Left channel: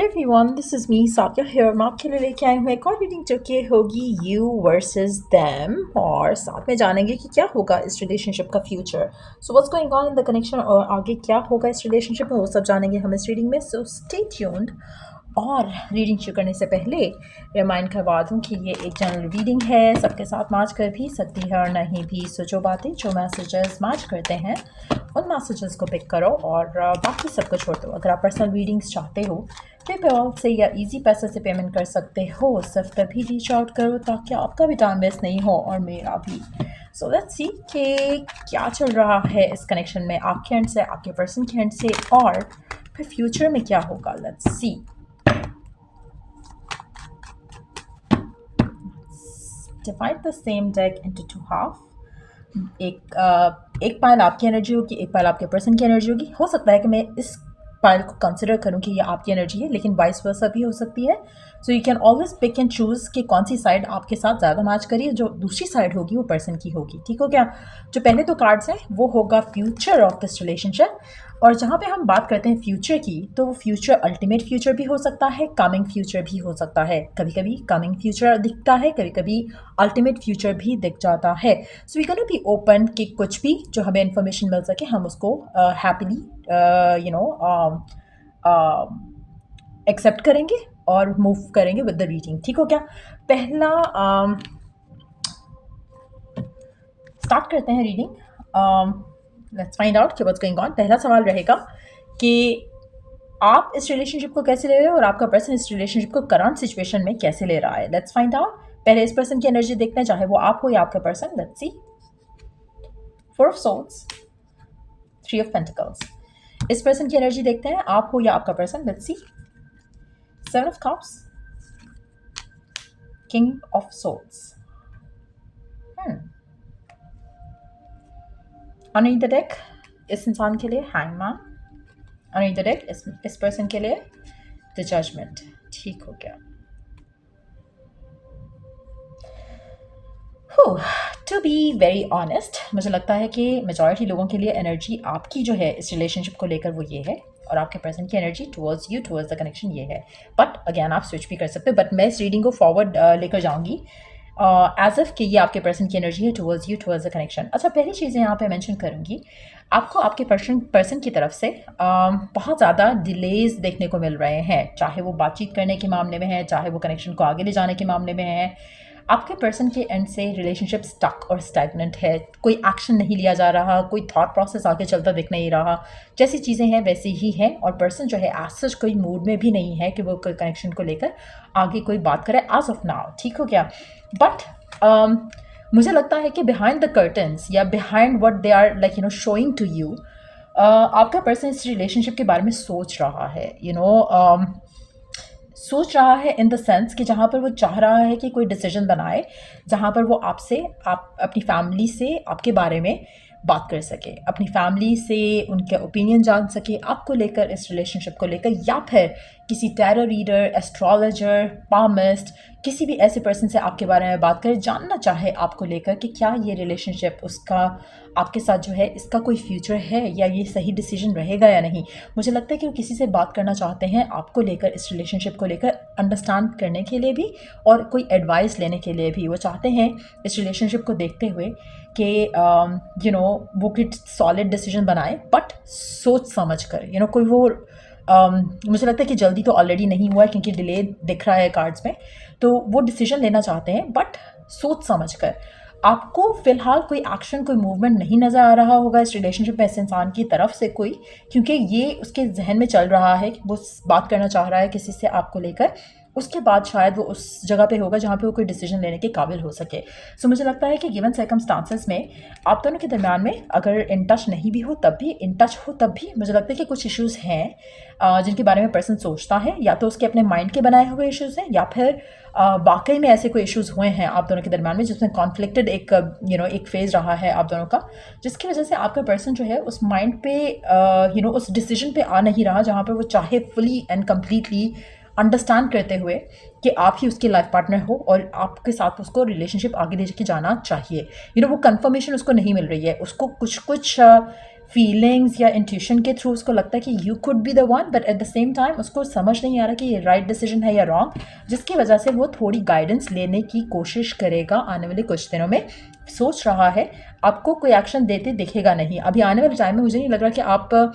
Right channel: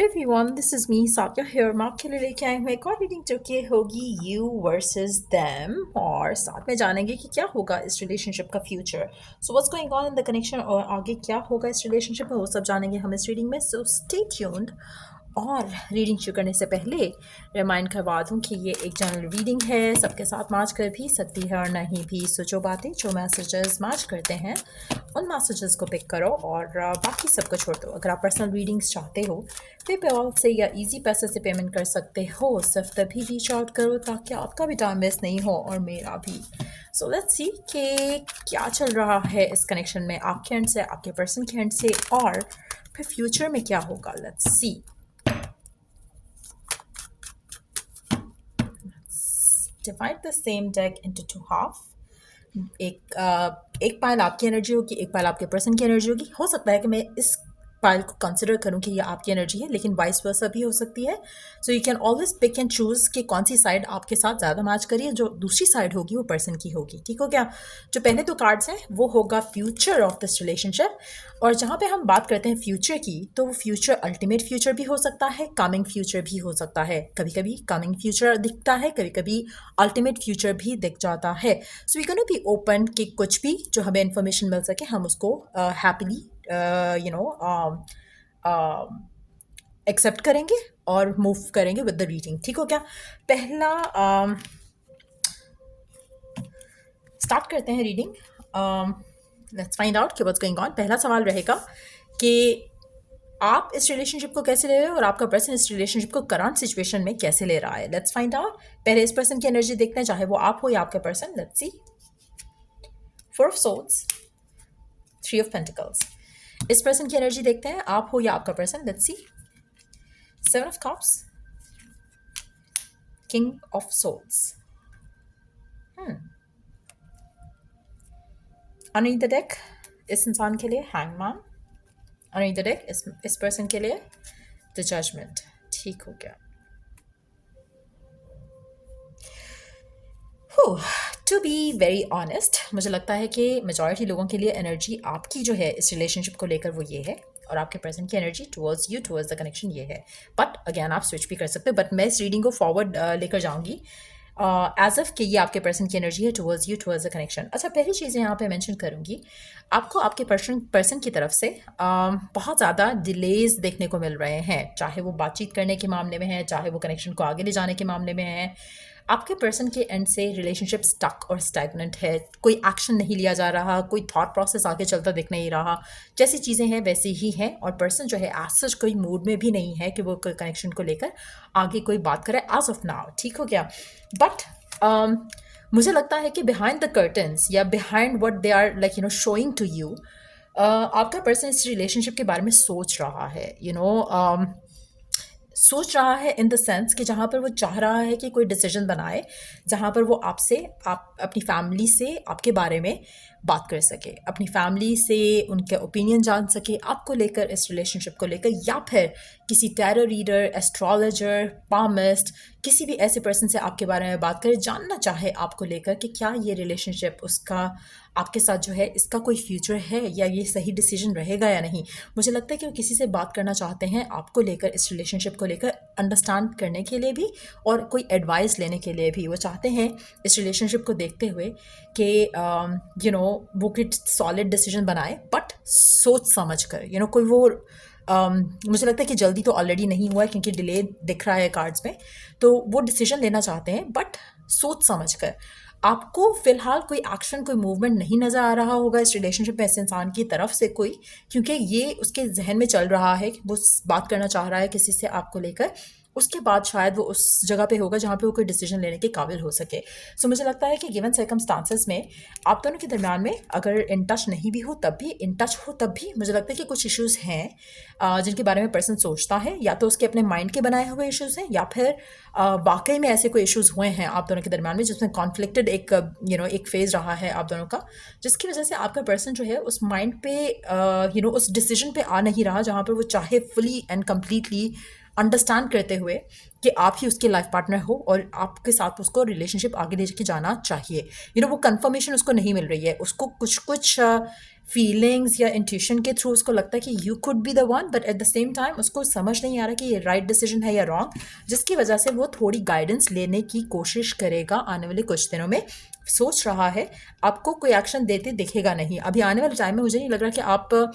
Hello everyone, this is me Saikia here. मैं आपके लिए लेके आई हूँ एक और रीडिंग जो कि होगी यू वर्सेस देम, और साथ में जानेंगे कि क्या होगा इस रिलेशनशिप का future. So what's going on in the connection, और आगे क्या होगा इस रिलेशनशिप में वो सब जानेंगे हम इस रीडिंग में। So stay tuned. और रीडिंग शुरू करने से पहले रिमाइंड करवा दूँ कि ये एक जनरल रीडिंग है, सबके साथ मैच कर भी सकती है और नहीं भी। सो जो बातें जो मैसेजेस मैच करते हैं उन मैसेजेस को पिक करो और बाकी सबको छोड़ दो। अगर आप पर्सनल रीडिंग्स चाहते हो पेपैल से या इजी पैसे से पेमेंट कर सकते हो, सिर्फ तभी रीच आउट करो ताकि आपका भी टाइम वेस्ट नहीं हो और मेरा भी। सो लेट्स सी कि क्या चल रहा है इस कनेक्शन में आपके एंड से, आपके पर्सन के एंड से, और फिर फ्यूचर में क्या होगा। Let's see. Divide the same deck into two half. एक पाइल आपकी एनर्जी होगी, एक पाइल आपके पर्सन की एनर्जी होगी। हो सकता है कि मैं इस पाइल को कंसिडर करूं कि ये आपकी एनर्जी है, लेकिन वाइस वर्सा भी हो सकती है। So you can always pick and choose कि कौन सी साइड आपके साथ ज़्यादा मैच करिए, जो दूसरी साइड होगी वो पर्सन की होगी। ठीक हो क्या? जो पहले दो कार्ड्स हैं वो होगा फ्यूचर ऑफ दिस रिलेशनशिप, और जहाँ पे हम बात करते हैं फ्यूचर की, तो वो फ्यूचर अल्टीमेट फ्यूचर भी हो सकता है, कमिंग फ्यूचर भी हो सकता है। कभी कभी कमिंग फ्यूचर दिखता है, कभी कभी अल्टीमेट फ्यूचर भी दिख जाता है। So we can be open कि कुछ भी जो हमें इन्फॉर्मेशन मिल सके हम उसको हैप्पीली एक्सेप्ट करेंगे और मूव करेंगे विद द रीडिंग। ठीक हो क्या? पहला स्टार्ट करते हैं रीडिंग। लेट्स फाइंड आउट कि व्हाट्स गोइंग ऑन। पहला सवाल रहेगा कि आप इस रिलेशनशिप को कैसे ले रहे हो और आपका पर्सन इस रिलेशनशिप को करंट सिचुएशन में कैसे ले रहा है। Let's find out. पहले इस पर्सन की एनर्जी देखते हैं, चाहे वो आप हो या आपका person. Let's see. Four of swords, three of pentacles. इस पर्सन की एनर्जी देखते हैं, आप हो या आपका person. Let's see. Seven of cups, king of swords. Underneath the deck इस इंसान के लिए हैंगमैन। अंडरनीथ द डेक इस पर्सन के लिए द जजमेंट। ठीक हो गया। टू बी वेरी ऑनेस्ट, मुझे लगता है कि मेजॉरिटी लोगों के लिए एनर्जी आपकी जो है इस रिलेशनशिप को लेकर वो ये है, और आपके पर्सन की energy towards you, towards the connection ये है। बट अगेन आप स्विच भी कर सकते हो, बट मैं इस रीडिंग को फॉरवर्ड लेकर जाऊंगी एज इफ कि ये आपके पर्सन की एनर्जी है towards you, towards the connection. अच्छा, पहली चीज़ें यहाँ पे मेंशन करूँगी, आपको आपके पर्सन की तरफ से बहुत ज़्यादा डिलेज देखने को मिल रहे हैं, चाहे वो बातचीत करने के मामले में है, चाहे वो कनेक्शन को आगे ले जाने के मामले में है। आपके पर्सन के एंड से रिलेशनशिप स्टक और स्टैग्नेंट है, कोई एक्शन नहीं लिया जा रहा, कोई थॉट प्रोसेस आगे चलता दिख नहीं रहा। जैसी चीज़ें हैं वैसी ही हैं, और पर्सन जो है एज सच कोई मूड में भी नहीं है कि वो कोई कनेक्शन को लेकर आगे कोई बात करे एज ऑफ नाउ। ठीक हो गया? बट मुझे लगता है कि बिहाइंड द कर्टन्स या behind what they are like showing to you, आपका पर्सन इस रिलेशनशिप के बारे में सोच रहा है। सोच रहा है इन द सेंस कि जहाँ पर वो चाह रहा है कि कोई डिसीजन बनाए, जहाँ पर वो आपसे, आप अपनी फैमिली से आपके बारे में बात कर सके, अपनी फैमिली से उनके ओपिनियन जान सके आपको लेकर, इस रिलेशनशिप को लेकर, या फिर किसी टैरो रीडर, एस्ट्रोलॉजर, पामिस्ट, किसी भी ऐसे पर्सन से आपके बारे में बात करे, जानना चाहे आपको लेकर कि क्या ये रिलेशनशिप उसका आपके साथ जो है इसका कोई फ्यूचर है, या ये सही डिसीजन रहेगा या नहीं। मुझे लगता है कि वो किसी से बात करना चाहते हैं आपको लेकर, इस रिलेशनशिप को लेकर अंडरस्टैंड करने के लिए भी और कोई एडवाइस लेने के लिए भी। वो चाहते हैं इस रिलेशनशिप को देखते हुए कि वो कोई सॉलिड डिसीजन बनाए, बट सोच समझ कर। कोई वो मुझे लगता है कि जल्दी तो ऑलरेडी नहीं हुआ है क्योंकि डिले दिख रहा है कार्ड्स में, तो वो डिसीजन लेना चाहते हैं बट सोच समझ कर। आपको फिलहाल कोई एक्शन, कोई मूवमेंट नहीं नज़र आ रहा होगा इस रिलेशनशिप में इस इंसान की तरफ से कोई, क्योंकि ये उसके जहन में चल रहा है कि वो बात करना चाह रहा है किसी से आपको लेकर। उसके बाद शायद वो उस जगह पे होगा जहाँ पे वो कोई डिसीजन लेने के काबिल हो सके। सो मुझे लगता है कि गिवन सर्कमस्टांसेस में आप दोनों के दरमियान में अगर इन टच नहीं भी हो तब भी, इन टच हो तब भी, मुझे लगता है कि कुछ इश्यूज़ हैं जिनके बारे में पर्सन सोचता है, या तो उसके अपने माइंड के बनाए हुए इश्यूज़ हैं, या फिर वाकई में ऐसे कोई इश्यूज़ हुए हैं आप दोनों के दरमियान में जिसमें कॉन्फ्लिक्टेड एक फेज़ रहा है आप दोनों का, जिसकी वजह से आपका पर्सन जो है उस माइंड पे उस डिसीजन पे आ नहीं रहा जहाँ पर वो चाहे फुली एंड कम्प्लीटली अंडरस्टैंड करते हुए कि आप ही उसके लाइफ पार्टनर हो और आपके साथ उसको रिलेशनशिप आगे लेके जाना चाहिए। वो कंफर्मेशन उसको नहीं मिल रही है, उसको कुछ फीलिंग्स या इंट्यूशन के थ्रू उसको लगता है कि you could be the one, but at the same time उसको समझ नहीं आ रहा कि ये राइट डिसीजन है या रॉन्ग, जिसकी वजह से वो थोड़ी गाइडेंस लेने की कोशिश करेगा आने वाले कुछ दिनों में। सोच रहा है, आपको कोई एक्शन देते दिखेगा नहीं अभी आने वाले टाइम में। मुझे नहीं लग रहा कि आप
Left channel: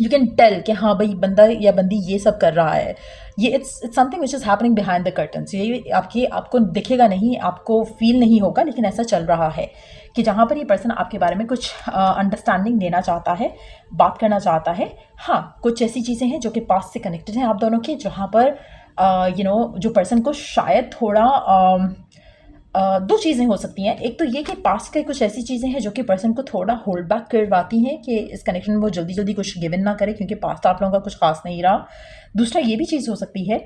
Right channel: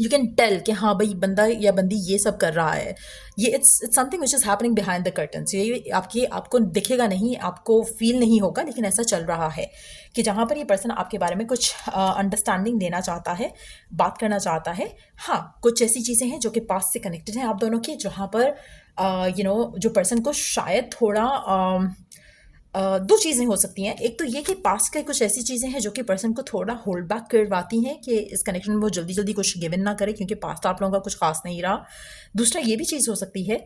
यू कैन टेल कि हाँ भाई बंदा या बंदी ये सब कर रहा है। ये it's something which is happening behind the curtains. ये आपको दिखेगा नहीं, आपको फील नहीं होगा, लेकिन ऐसा चल रहा है कि जहाँ पर ये पर्सन आपके बारे में कुछ अंडरस्टैंडिंग देना चाहता है, बात करना चाहता है। हाँ, कुछ ऐसी चीज़ें हैं जो कि पास्ट से कनेक्टेड हैं आप दोनों के, जहाँ पर जो पर्सन को शायद थोड़ा दो चीज़ें हो सकती हैं। एक तो ये कि पास्ट की कुछ ऐसी चीज़ें हैं जो कि पर्सन को थोड़ा होल्ड बैक करवाती हैं कि इस कनेक्शन में वो जल्दी जल्दी कुछ गिवन ना करे, क्योंकि पास्ट आप लोगों का कुछ खास नहीं रहा। दूसरा ये भी चीज़ हो सकती है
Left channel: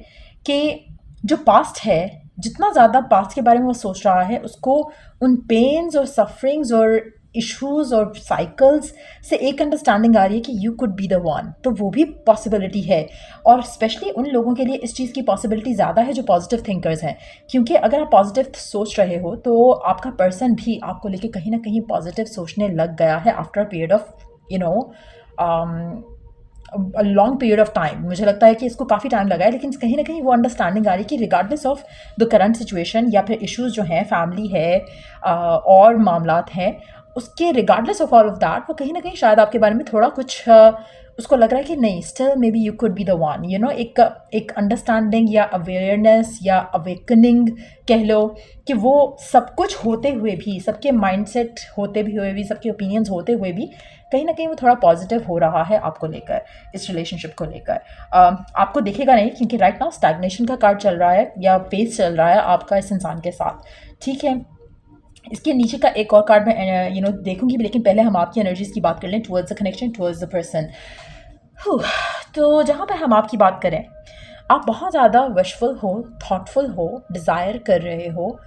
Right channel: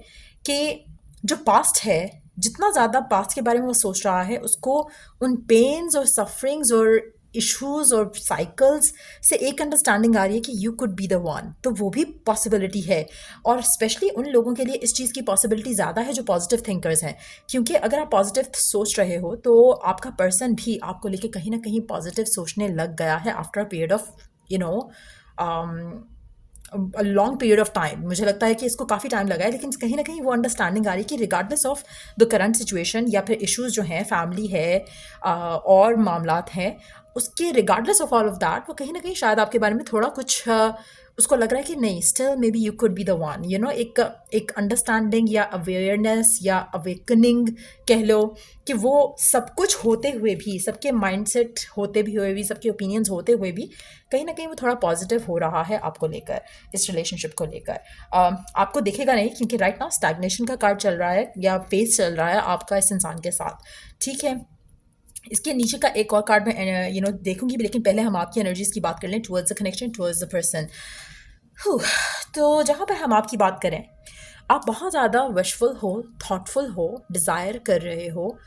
कि जो पास्ट है, जितना ज़्यादा पास्ट के बारे में वो सोच रहा है, उसको उन पेन्स और सफरिंग्स और इश्यूज और साइकिल्स से एक अंडरस्टैंडिंग आ रही है कि you could be the one. तो वो भी पॉसिबिलिटी है, और स्पेशली उन लोगों के लिए इस चीज़ की पॉसिबिलिटी ज़्यादा है जो पॉजिटिव थिंकर्स हैं, क्योंकि अगर आप पॉजिटिव सोच रहे हो तो आपका पर्सन भी आपको लेके कहीं ना कहीं पॉजिटिव सोचने लग गया है after a period of long period of time. मुझे लगता है कि इसको काफ़ी टाइम लगा है, लेकिन कहीं ना कहीं वो अंडरस्टैंडिंग आ रही है कि regardless of the current situation या फिर इश्यूज जो हैं, फैमिली है और मामलात हैं, उसके regardless of all of that वो कहीं ना कहीं शायद आपके बारे में थोड़ा कुछ उसको लग रहा है कि नहीं, still may be you could be the one. एक अंडरस्टैंडिंग या अवेयरनेस या अवेकनिंग कह लो, कि वो सब कुछ होते हुए भी, सबके माइंडसेट होते भी हुए भी, सबके ओपिनियंस होते हुए भी कहीं ना कहीं वो थोड़ा पॉजिटिव हो रहा है आपको लेकर, इस रिलेशनशिप को लेकर। आपको दिखेगा नहीं क्योंकि राइट नाउ स्टैग्नेशन का कार्ड चल रहा है या फेज चल रहा है आपका इस इंसान के साथ, ठीक है। इसके नीचे का एक और कार्ड मैं देखूंगी, लेकिन पहले हम आपकी एनर्जीज की बात कर लें towards the connection, towards the person. तो जहाँ पर हम आपकी बात करें, आप बहुत ज़्यादा विशफुल हो, थॉटफुल हो, डिज़ायर कर रहे हो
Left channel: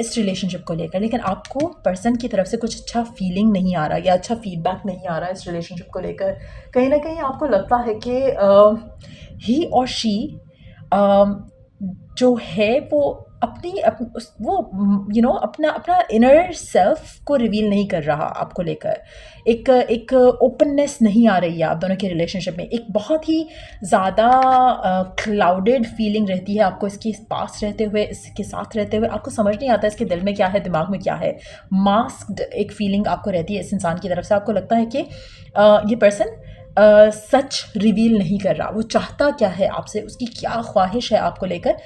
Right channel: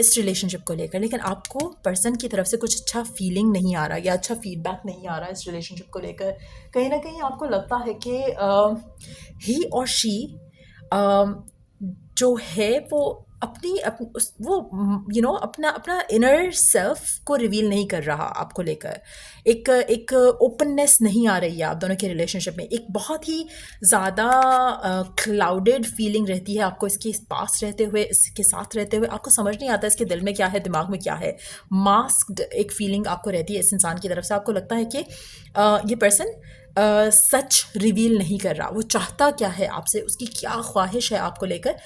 इस रिलेशनशिप को लेकर, लेकिन आपको पर्सन की तरफ से कुछ अच्छा फीलिंग नहीं आ रहा या अच्छा फीडबैक नहीं आ रहा है इस रिलेशनशिप को लेकर। कहीं ना कहीं आपको लगता है कि ही और शी जो है वो अपना अपना इनर सेल्फ को रिवील नहीं कर रहा आपको लेकर। एक ओपननेस नहीं आ रही है आप दोनों के रिलेशनशिप में। एक बहुत ही ज़्यादा क्लाउडेड फीलिंग रहती है आपको इसके पास रहते हुए, इसके साथ रहते हुए। आपको समझ नहीं आता इसके दिल में क्या है, दिमाग में क्या है। मास्क्ड एक फीलिंग आपको रहती है इस इंसान की तरफ से। आपको लगता है कि ये पर्सन सच रिवील नहीं कर रहा, वो चाहता क्या है आपसे, उसकी क्या ख्वाहिश है आपको लेकर।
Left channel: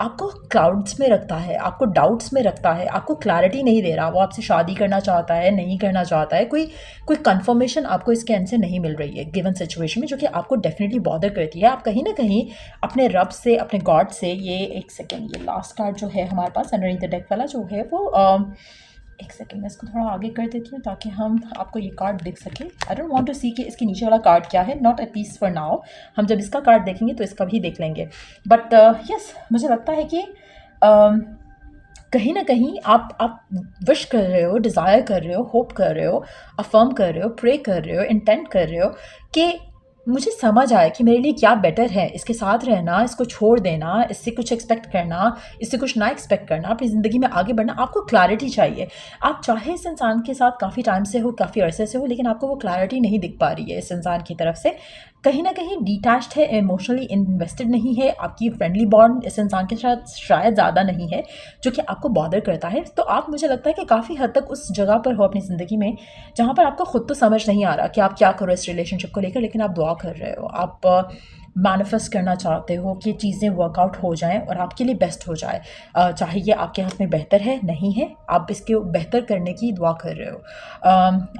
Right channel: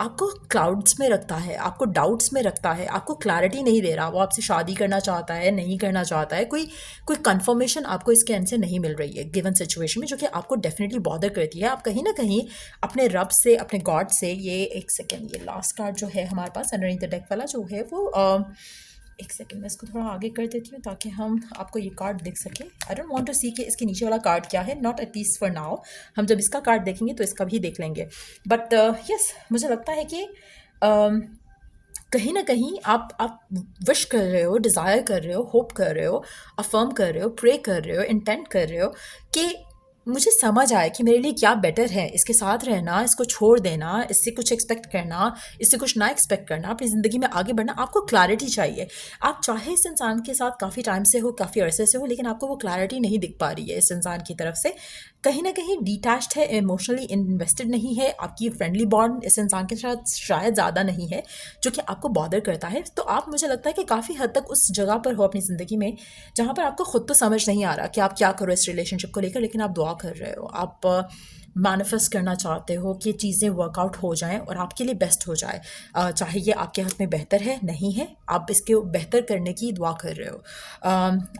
आपको क्लाउड्स में रखता है, आपको डाउट्स में रखता है, आपको क्लैरिटी नहीं दे रहा। वो आपसे शादी करना चाहता है, नहीं करना चाहता है, कोई कंफर्मेशन आपको इसके एंड से नहीं मिल रही है गिवन सिचुएशन में, जो कि आपको डेफिनेटली बॉदर करती है। आप कहीं ना कहीं अपने रब से, अपने गॉड से, ये एक सेकेंड, ये लास्ट कार्ड जो है हमारे पास अंडरनीथ द डेक वाला जो है वो एक सेकंड, मैं इसको थोड़ा आगे कर देती हूँ ताकि हम आपको ये कार्ड दिख सके। आई डोंट वांट टू सी कि इसके नीचे वाला कार्ड क्या है, not at least for now. हम जब इसका कार्ड देखेंगे तो इसका भी देख लेंगे। बट यस, मुझे लगता है कि कहीं ना कहीं आप विश कर रहे हो, डिज़ायर कर रहे हो, होप कर रहे हो, अफर्म कर रहे हो, प्रे कर रहे हो, इंटेंट कर रहे हो कि मुझे समझ आए कि मेरे लिए क्या बेटर है, इसके साथ रहना, इसको छोड़ देना, इससे कुछ एक्सपेक्ट करना, इससे कुछ ना एक्सपेक्ट करना, अपनी ज़िंदगी में आगे बढ़ना। आपको क्लैरिटी चाहिए। आप चाहे इस इंसान के साथ काफ़ी टाइम से हो, काफ़ी अरसे से हो, लेकिन आपको वो क्लैरिटी नहीं दिख पा रही है इस इंसान की तरफ से। कहीं ना कहीं डिटैच्ड है, इमोशनली इन्वेस्टेड नहीं है। आपकी फ्रेंडली बॉन्ड इस इंसान के साथ शायद ज़्यादा नहीं है, जो कि आपको बॉदर करता है। तो आप, मुझे लगता है कि काफ़ी हद तक उस जगह पर हो अपनी ज़िंदगी में जहाँ पर आपको खुद तो समझ नहीं आ रहा कि आप क्या करो इस रिलेशनशिप को लेकर, लेकिन आप दुआ कर रहे हो, आप मैनिफेस्ट करना चाहते हो कि चीज़ें वर्कआउट हो जाएं और आपके लिए बेस्ट हो जाए। चाहे ये आपके हाथ में बेहतर है, नहीं है, आप इसके बेहतर करने की दुआ कर रहे हो।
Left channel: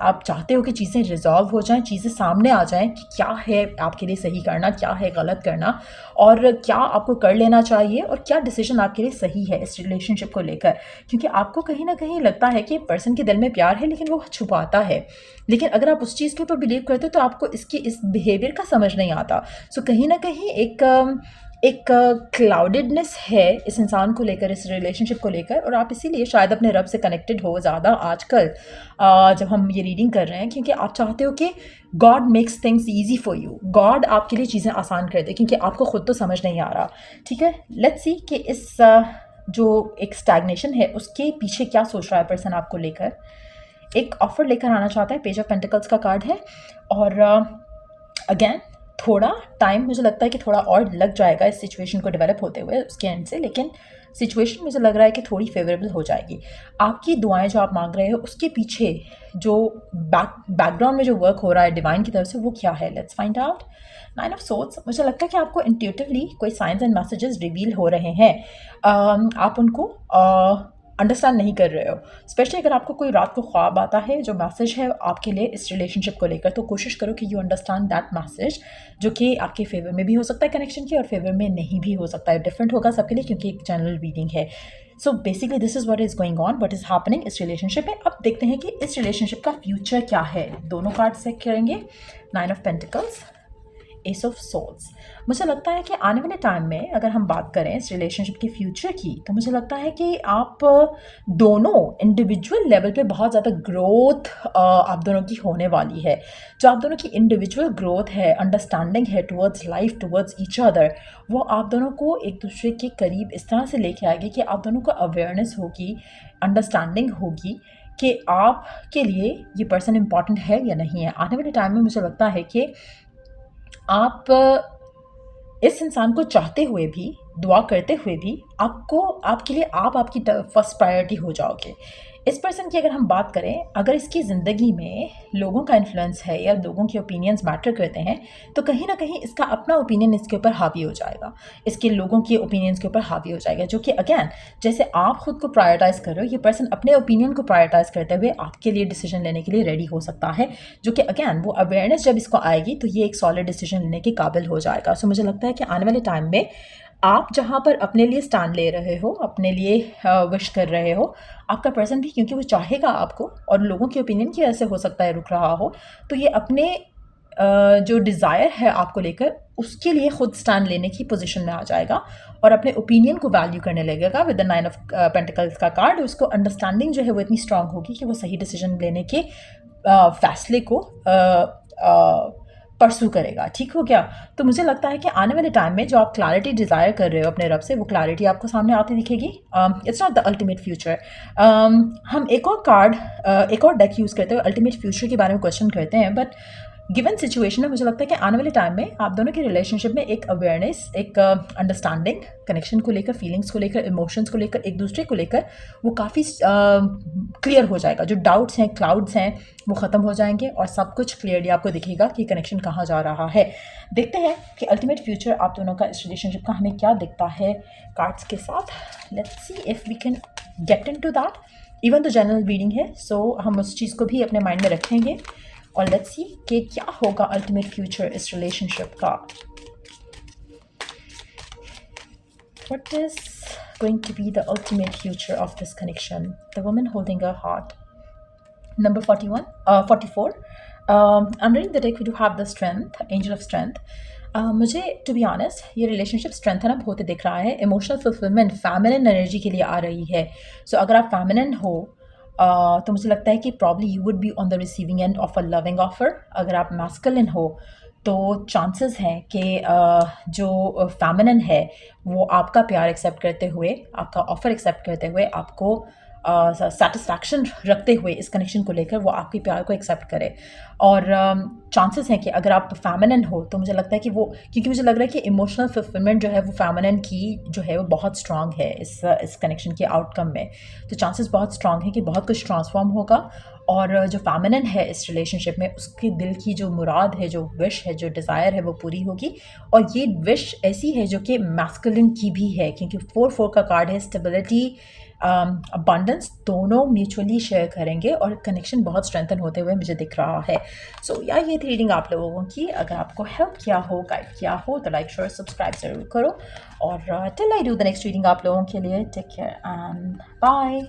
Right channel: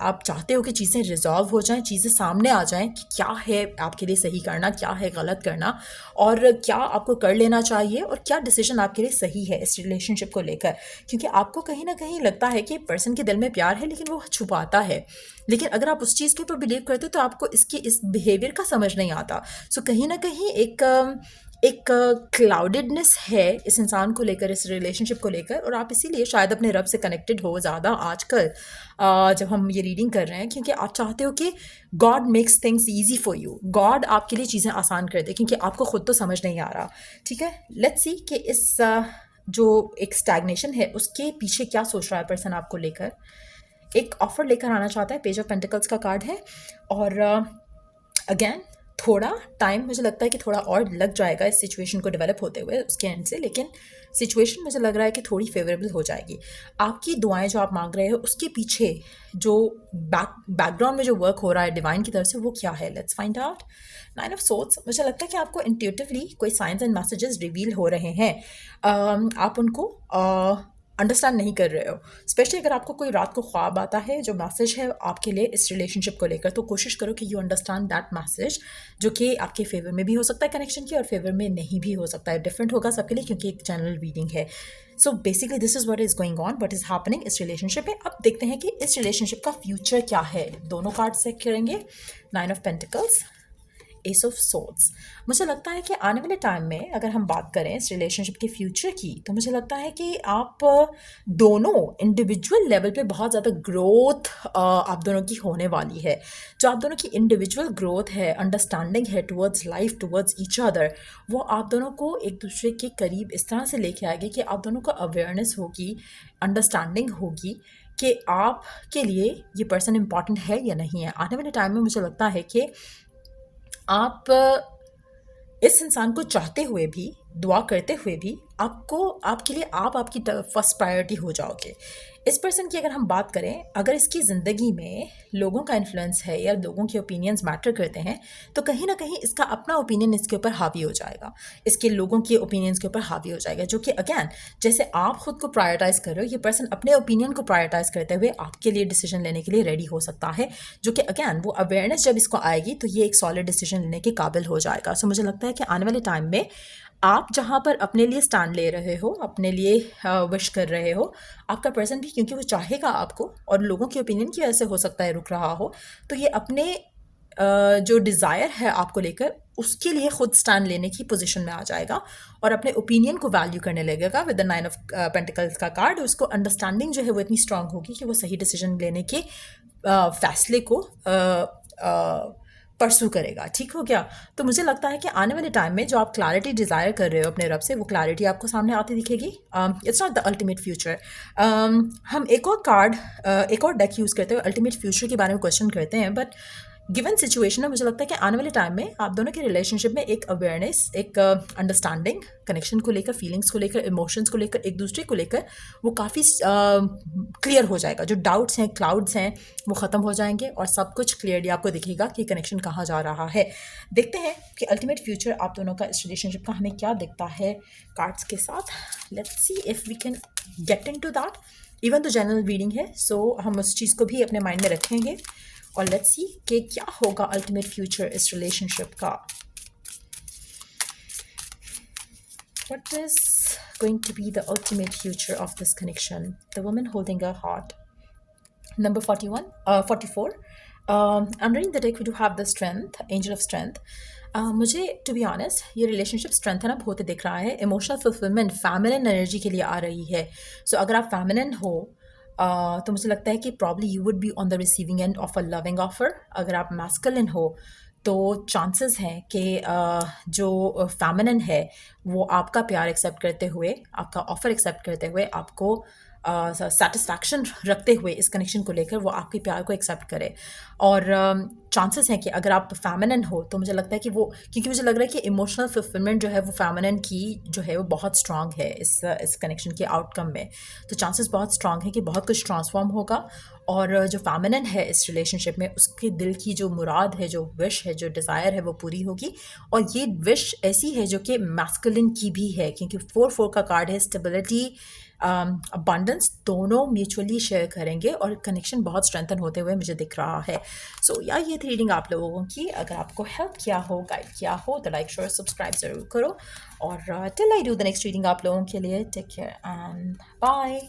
आप चाहते हो कि चीज़ें रिजॉल्व हो जाएं, चीज़ें सामने आ जाएं कि क्या है आपके लिए सही करना, क्या है गलत करना, और क्या आपको कर लेना चाहिए, और क्या डिसीजन आपके लिए सही है इस रिलेशनशिप को लेकर। क्योंकि आपको कहीं ना कहीं लगता है कि पर्सन के दिल में प्यार है, लेकिन वो छुपाता है। लेकिन अगर आप उस चीज़ के ऊपर बिलीव करते हो तो आपको इसके इस बिहेवियर का समझ नहीं आता। सो कहीं ना कहीं एक क्लाउडेडनेस है इस इंसान को लेकर, इस रिलेशनशिप को लेकर, और आप इसीलिए शायद अपने रब से कनेक्टेड हो ज़्यादा आजकल जब हम ये रीडिंग कर रहे हैं, क्योंकि आप चाहते हो कि God makes things easy for you, God आपके लिए चीज़ें आसान कर दे, क्योंकि आपको खुद तो समझ नहीं आ रहा। ठीक है, लेट्स सी कि इस जो एक स्टैग्नेशन है उसके पीछे क्या सोच रहा है पर्सन आपको लेकर। एक ऑफ़र लेकर आना चाहता है, पेज ऑफ पेंटिकल्स का कार्ड है। और अगेन थोड़ा टाइम मुझे लगता है कि थोड़ा और लग जाएगा इस सिचुएशन को डेवलप होते हुए उसके एंड से, लेकिन सिचुएशन मुझे लग रहा है कि थोड़ी फेवरेबल हो जाएगी। आपकी दुआएं जो आप मांग रहे हो उसके पीछे जो बैकग्राउंड में जो वर्क हो रहा है डिवाइन की तरफ से वो क्या है, let's find out. 9 of swords, मुझे लगता है कि आपको इंट्यूटिवली कोई साइंस एंड मैसेजेस रिवील हो रहे हैं। आप उनको अंडरस्टैंड नहीं कर रहे हो, स्पेशली अगर आपको कोई रात को ख्वाब आता है जो मैसेज है आपके लिए इस रिलेशनशिप को लेकर, तो कोशिश करो कि यू अंडरस्टैंड दैट मैसेज, जो कि आपके फेवर में भी हो सकता है कनेक्शन के और फेवर में नहीं भी हो सकता है, डिफरेंट होगा सबके लिए क्योंकि एक जनरल रीडिंग है। So basically this is what is going on, what is happening इस रिलेशनशिप में। अब देखते हैं कि इस रिलेशनशिप का फ्यूचर क्या है। दोनों कार्ड चेक करेंगे, 9 of pentacles, S of swords. मुझे लगता है कि आने वाले टाइम में अगर हम बात करें इस रिलेशनशिप के फ्यूचर की, तो मुझे लगता है कि आप दोनों इंडिविजुअल लेवल पे बहुत ज़्यादा ग्रोथ आप दोनों की होने वाली है। जो आप दोनों की इंडिविजुअल ग्रोथ है, अंडरस्टैंडिंग है towards life, towards each other, वो आप दोनों को एक दूसरे के करीब इस तरह से लेके आएगी कि आप दोनों को अवेयरनेस होगी, अंडरस्टैंडिंग होगी कि आपके लिए ये पर्सन इम्पॉर्टेंट है या नहीं है। आने वाले टाइम में मुझे लगता है कि आप इस इंसान को चाहते हुए भी, दुआ करते हुए भी, आपको आपके लिए आप आपकी फर्स्ट प्रायोरिटी हो जाओगे। इस पर्सन की अगर हम बात करें, अगर इसकी ज़िंदगी में लोगों का इन्फ्लुएंस है या लोगों के ओपिनियंस मैटर करते हैं, तो कहीं ना कहीं इसका अपना ओपिनियन इसके ऊपर हावी हो जाएगा, इसके लोगों के ओपिनियंस के ऊपर हावी हो जाएगा, जो कि अगेन जैसे आप खुद को प्रायोरिटाइज कर रहे हो, ये पर्सन अपने ओपिनियन को प्रायोरिटाइज करते हुए आपके लिए डिसीजन लेने के लिए रेडी हो सकता है, जो कि अगेन वो अवेयरनेस जब इसको आएगी तो ये एक सॉलिड डिसीजन लेने के काबिल हो जाएगा। सो मुझे लगता है कि आने वाले टाइम में आप जहाँ पर अपने लिए स्टैंड ले रहे हो, अपने लिए विश कर रहे हो, आपका पर्सन भी, क्योंकि वो चाहेगा आपको और लोगों के ओपिनियन की वजह से हो सकता है रुक रहा हो, तो ये अपने जो डिज़ायर है आपको लेकर उसके लिए खुद स्टैंड लेने की पोजीशन में आ जाएगा और अपने ओपिनियन को वैल्यू करने लगेगा। विद द 9 ऑफ पेंटिकल्स का कार्ड, उसको अंडरस्टैंडिंग जो है वो इतनी स्ट्रांग होगी कि वो सही डिसीजन लेने के फैसले को परसू करेगा। ठीक हो गया? तो मुझे लगता है कि आने वाले टाइम में जो आप क्लैरिटी डिज़ायर कर रहे हो अपने रब से, वो क्लैरिटी आपको सामने आती दिखेगी। It's not the ultimate future. हम एक और कार्ड, एक और डेक यूज़ करते हुए अल्टीमेट फ्यूचर के बारे में क्वेश्चन करते हैं, बट गिवन सिचुएशन में मुझे लगता है कि आने वाले टाइम में आप दोनों के रिलेशनशिप में एक अवेयरनेस, एक अंडरस्टैंडिंग, कनेक्शन को लेकर, फीलिंग्स को लेकर, इमोशंस को लेकर, एक दूसरे को लेकर वो काफ़ी क्लियर हो जाएगा। जो डाउट्स हैं, क्लाउड्स हैं, वो ख़त्म हो जाएंगे और सब कुछ क्लियरली आपको दिखेगा कि कनेक्शन कहाँ जा रहा है। देखते हैं कि अल्टीमेट फ्यूचर आप दोनों का इस रिलेशनशिप का हमें क्या दिखता है कार्ड्स के साथ। Let's see if we can get into that. Even though general reading है, सो हम उस चीज़ को भी अपने माइंड में रखेंगे और लेट्स सी कि क्या होगा अल्टीमेट फ्यूचर इस रिलेशनशिप का। What is going to be the ultimate future of this connection? The woman holding her heart. Number 44. I'm reading the deck. We do have the strength, angel of strength. मुझे to be honest ये relationship strengthen up होते दिख रहा है। Emotional fulfilment feminine energy के लिए आ रही है। सो अगर आप फेमिनिन हो तो मुझे लगता है कि probably you would be on the receiving end of a loving offer. अगर आप मैस्कुलिन हो तो चांसेस हैं कि जो फेमिनिन है वो आपका प्यार एक्सेप्ट करते हुए, आपका ऑफ़र एक्सेप्ट करते हुए, आपको सेटिस्फैक्शन रखते हुए इस कनेक्शन को लेकर वो आपके प्यार को एक्सेप्ट करे। और चांसेस हैं कि अगर आप फेमिनिन हो तो मुझे लगता है कि वो, क्योंकि मुझे लग रहा है कि इमोशनल फुलफिलमेंट जो है वो फेमिनिन की जो है वो बहुत स्ट्रांग है इस कनेक्शन के आउटकम में। तो चांसेस बहुत स्ट्रांग है कि बहुत कुछ ट्रांसफॉर्म होगा और जो फेमिनिन है इस रिलेशनशिप में उसके दिल की जो मुराद है, जो विश है, जो डिज़ायर है वो पूरी होगी। और ये विश ऐसी है जो कि मैस्कुलिन की भी है, क्योंकि 4-4 का कार्ड है। स्टेबिलिटी, अबंडेंस दोनों म्यूचुअली शेयर करेंगे और कनेक्शन बहुत स्ट्रेंथन होते हुए मुझे दिख रहा है। सो या ये थी रीडिंग आप लोगों की। अगर आपको हेल्प किया हो, गाइड किया हो तो लाइक, शेयर, सब्सक्राइब ज़रूर करो। और till I do the next reading आप लोगों के लिए, टेक केयर एंड बाय।